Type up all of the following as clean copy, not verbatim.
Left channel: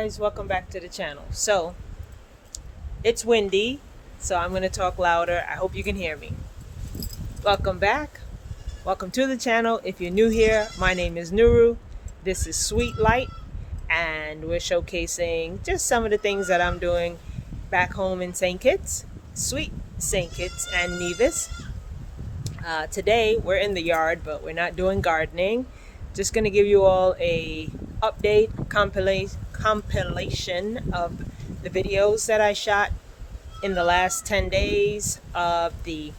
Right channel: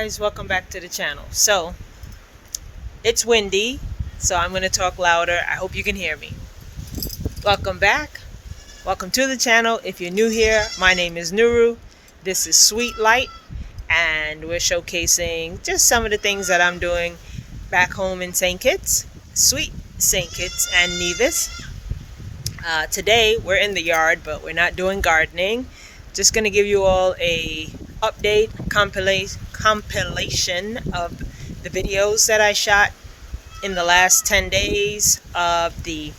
guys, welcome back to the channel. So it's windy, so I'm going to talk louder. I hope you can hear me. Welcome back. Welcome to the channel. If you're new here, my name is Nuru. This is LiQWYD, and we're showcasing just some of the things that I'm doing back home in St. Kitts, sweet St. Kitts and Nevis. Today we're in the yard, but we're not doing gardening. Just going to give you all a update compilation of the videos that I shot in the last 10 days of the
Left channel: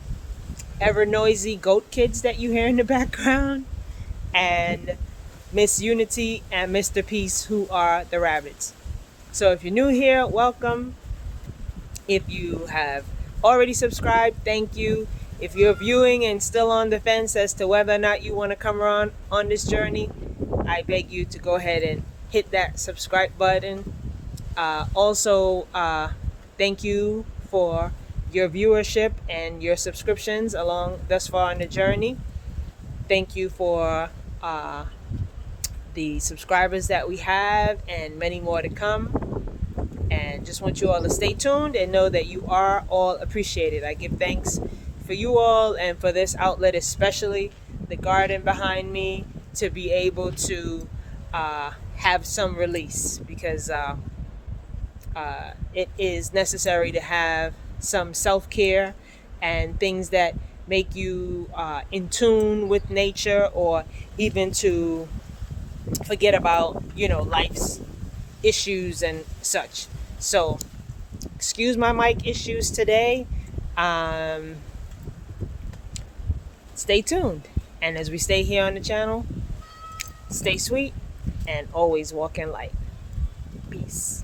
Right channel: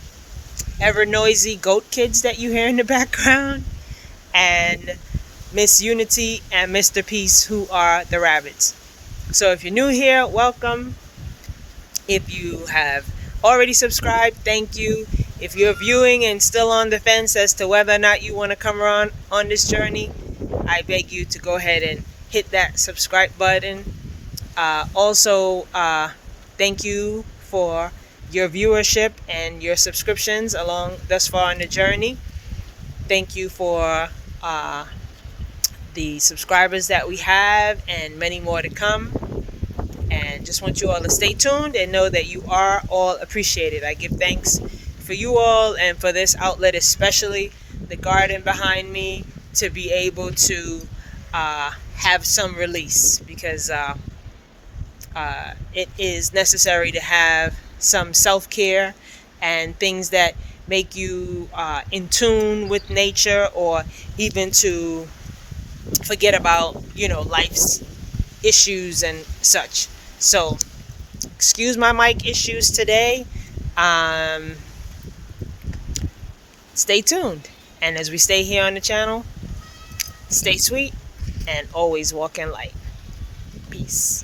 ever noisy goat kids that you hear in the background, and Miss Unity and Mr. Peace, who are the rabbits. So if you're new here, welcome. If you have already subscribed, thank you. If you're viewing and still on the fence as to whether or not you want to come around on this journey, I beg you to go ahead and hit that subscribe button. Also, thank you for your viewership and your subscriptions along thus far on the journey. Thank you for the subscribers that we have and many more to come. And just want you all to stay tuned and know that you are all appreciated. I give thanks for you all and for this outlet, especially the garden behind me, to be able to have some release, because it is necessary to have some self-care and things that make you in tune with nature, or even to forget about, life's issues and such. So excuse my mic issues today. Stay tuned, and as we stay here on the channel, stay sweet and always walk in light. Peace.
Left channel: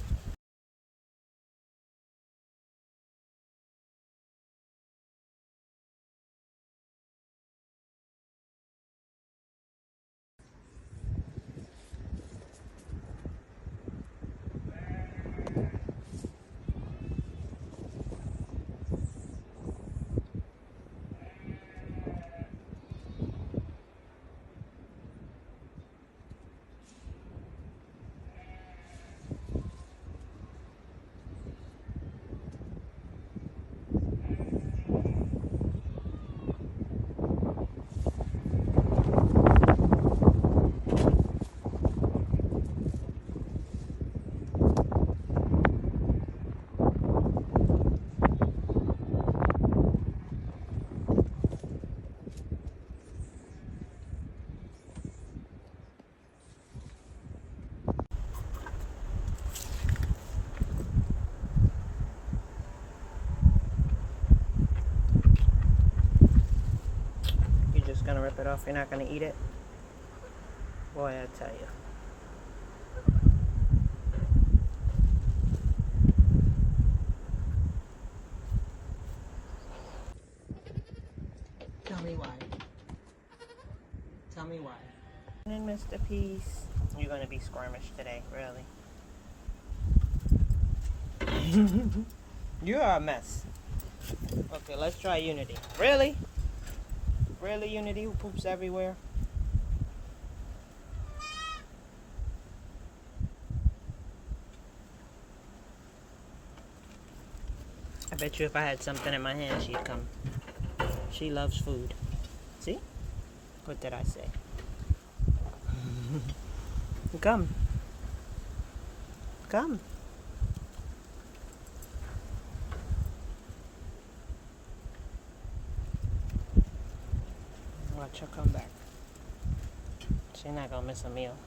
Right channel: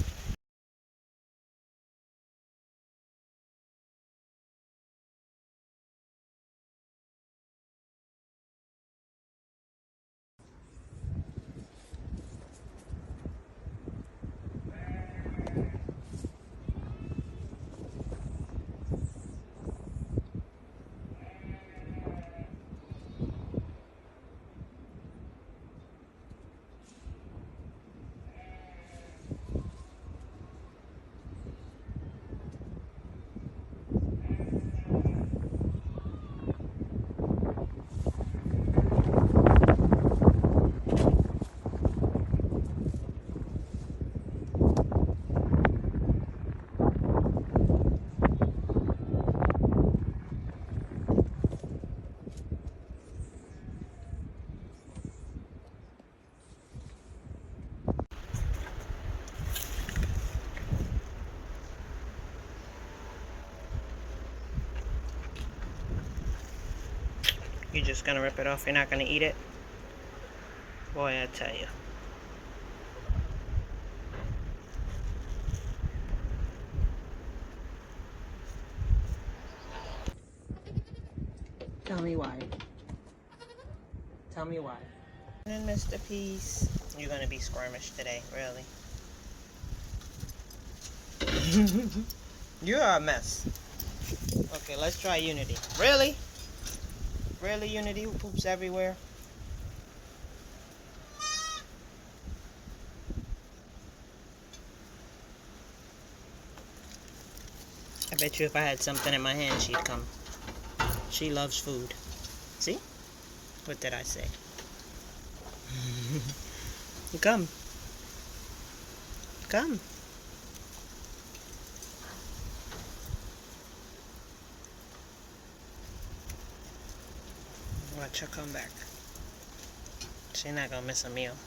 You're just gonna rip it off? You're not gonna eat it? Boy, I tell you. Tell me why. Tell me why. And then Mr. Peace, you're gonna be squirmish today, really. You are a mess. Okay, let's try Unity. Really? Really, Unity, who poops everywhere? I bet you if I had something in my hand, she'd come. She loves food. See? What did I say? Come. Come. Watch her come back. She's not gonna miss a meal.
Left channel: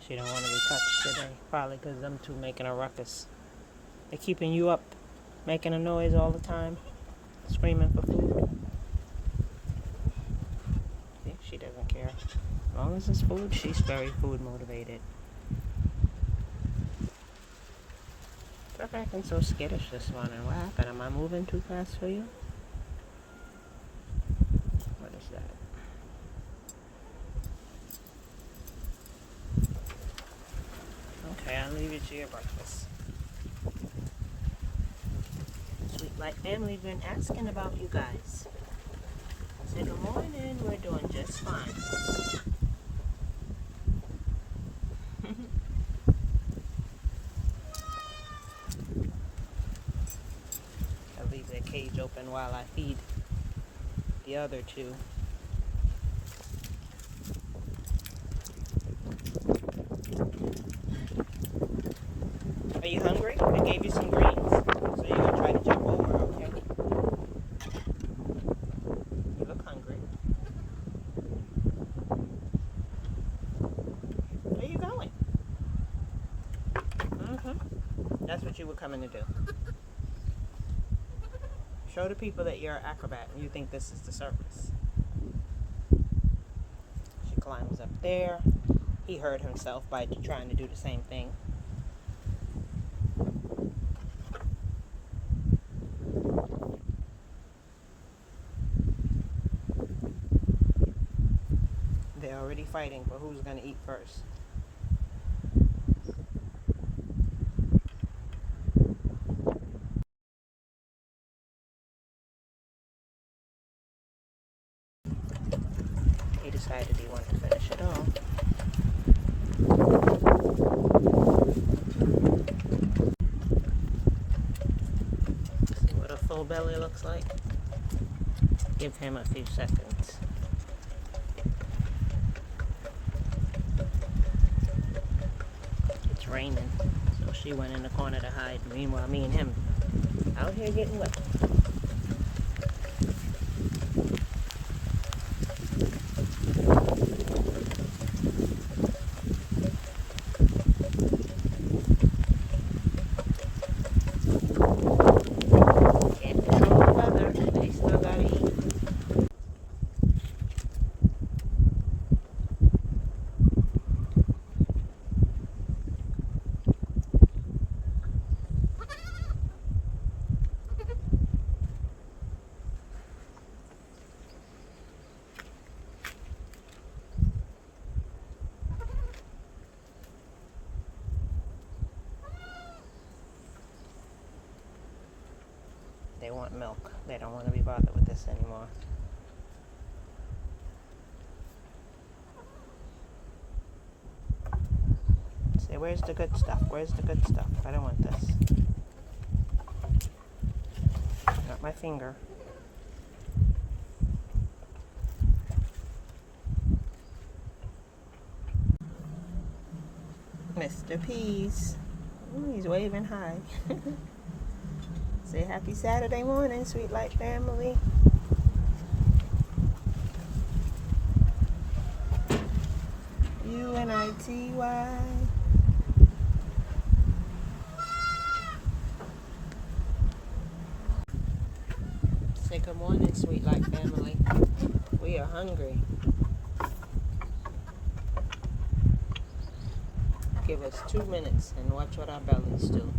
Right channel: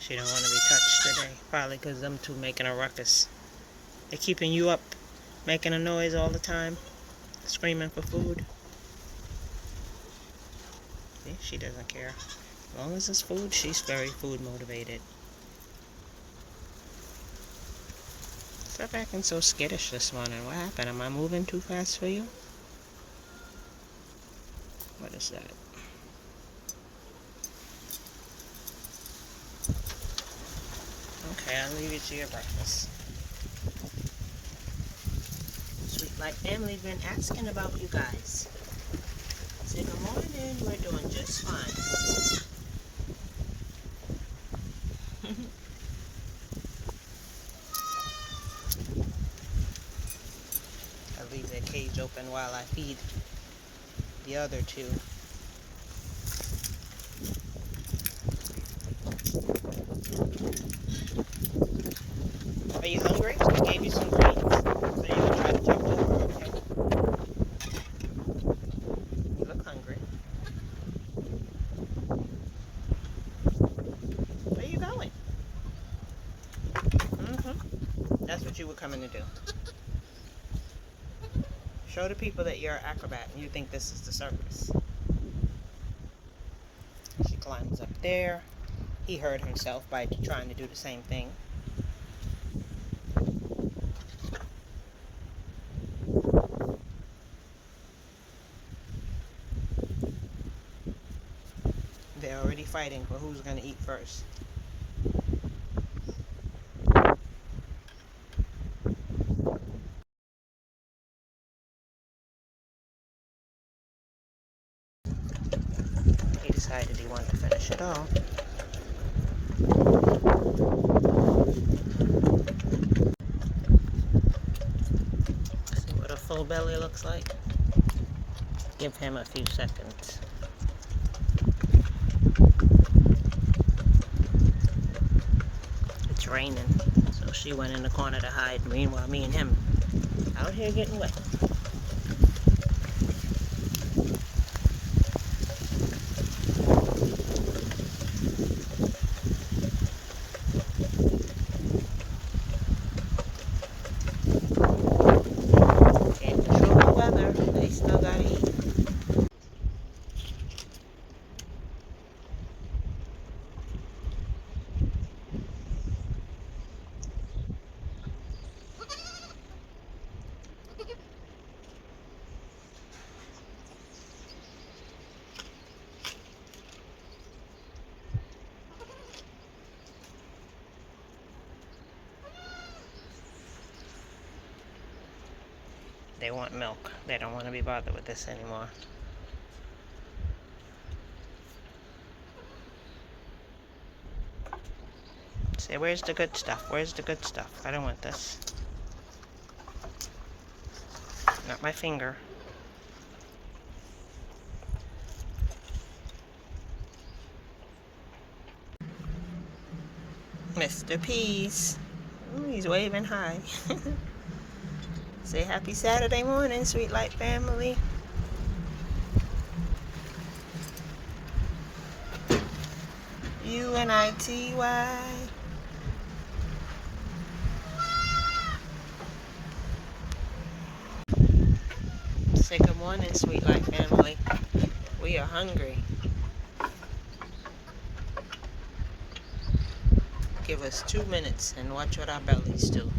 She don't want to be touched today. Probably because them two making a ruckus. They're keeping you up, making a noise all the time, screaming for food. See, she doesn't care. As long as it's food, she's very food motivated. Stop acting so skittish this morning. What happened? Am I moving too fast for you? What is that? Okay, I'll leave you to your breakfast. LiQWYD family's been asking about you guys. Say good morning. We're doing just fine. happen while I feed the other two. Are you hungry? I gave you some greens. So you're going to try to jump over, okay? You look hungry. Where are you going? That's what you were coming to do. Show the people that you're an acrobat and you think this is the circus. She climbs up there. He hurt himself by trying to do the same thing. They're already fighting for who's going to eat first. He decided he wanted to finish it all. See what a full belly looks like? Give him a few seconds. It's raining, so she went in the corner to hide. Meanwhile, me and him out here getting wet. Can't control the weather. They still gotta eat. They want milk. They don't want to be bothered with this anymore. Say, where's the good stuff? Where's the good stuff? I don't want this. Not my finger. Mr. Peace. Ooh, he's waving hi. Say happy Saturday morning, Sweet Light family. LiQWYD. Say good morning, Sweet Light family. We are hungry. Give us 2 minutes and watch what our bellies do.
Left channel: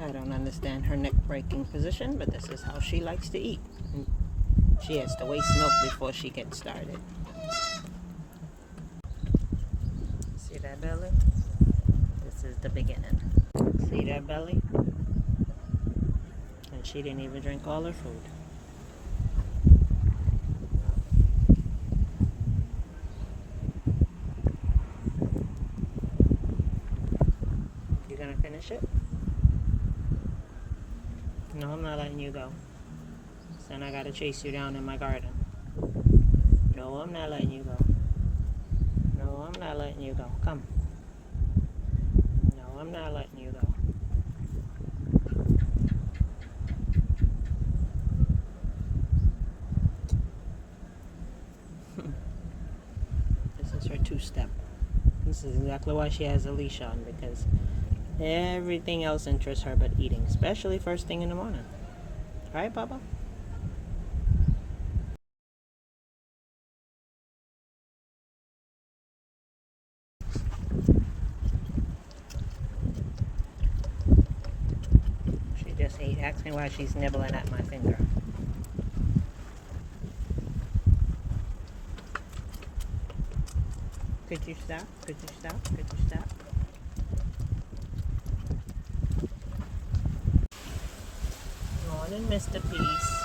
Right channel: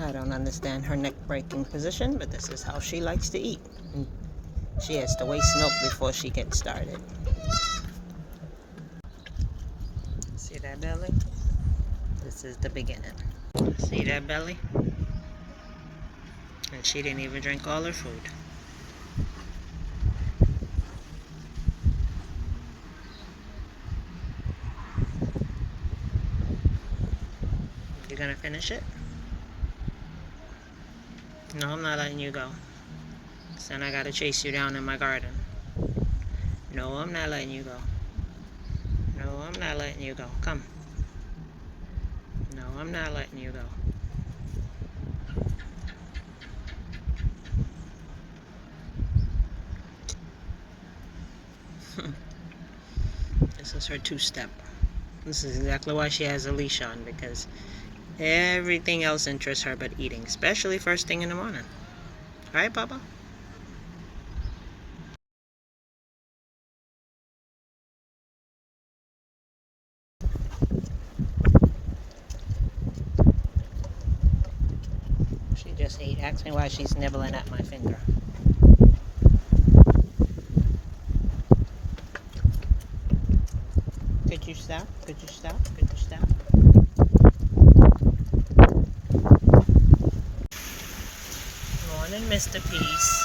I don't understand her neck-breaking position, but this is how she likes to eat. And she has to waste milk before she gets started. See that belly? This is the beginning. See that belly? And she didn't even drink all her food. You gonna finish it? No, I'm not letting you go. So then I gotta chase you down in my garden. No, I'm not letting you go. No, I'm not letting you go. Come. No, I'm not letting you go. This is her two-step. This is exactly why she has a leash on, because everything else interests her but eating, especially first thing in the morning. Right, Bubba? She just ate. Ask me why she's nibbling at my finger. Could you stop? Could you stop? Could you stop? Morning, Mr. Peace.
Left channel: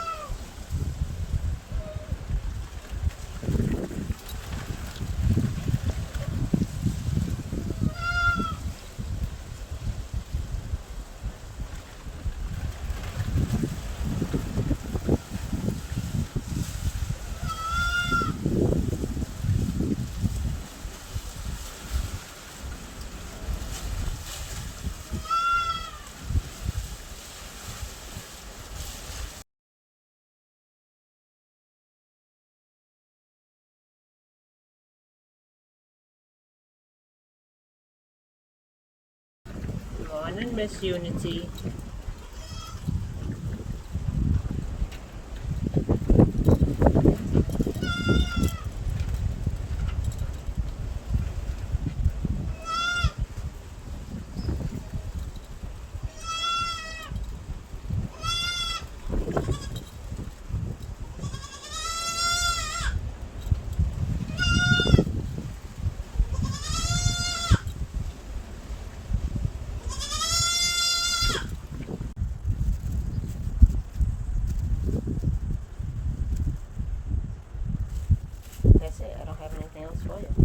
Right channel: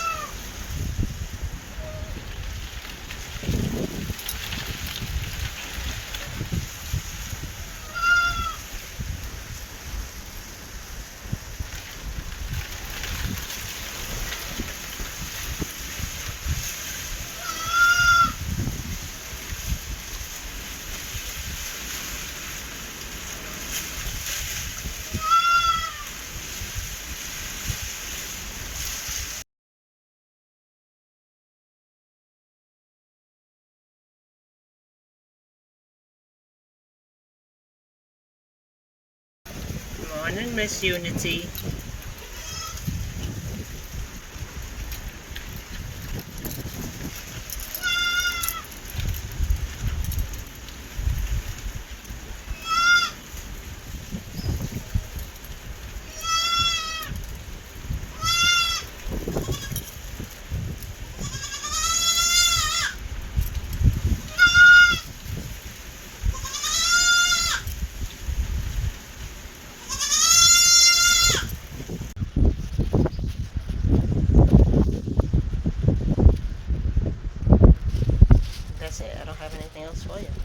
morning, Miss Unity. That's it. I don't have anything else for you.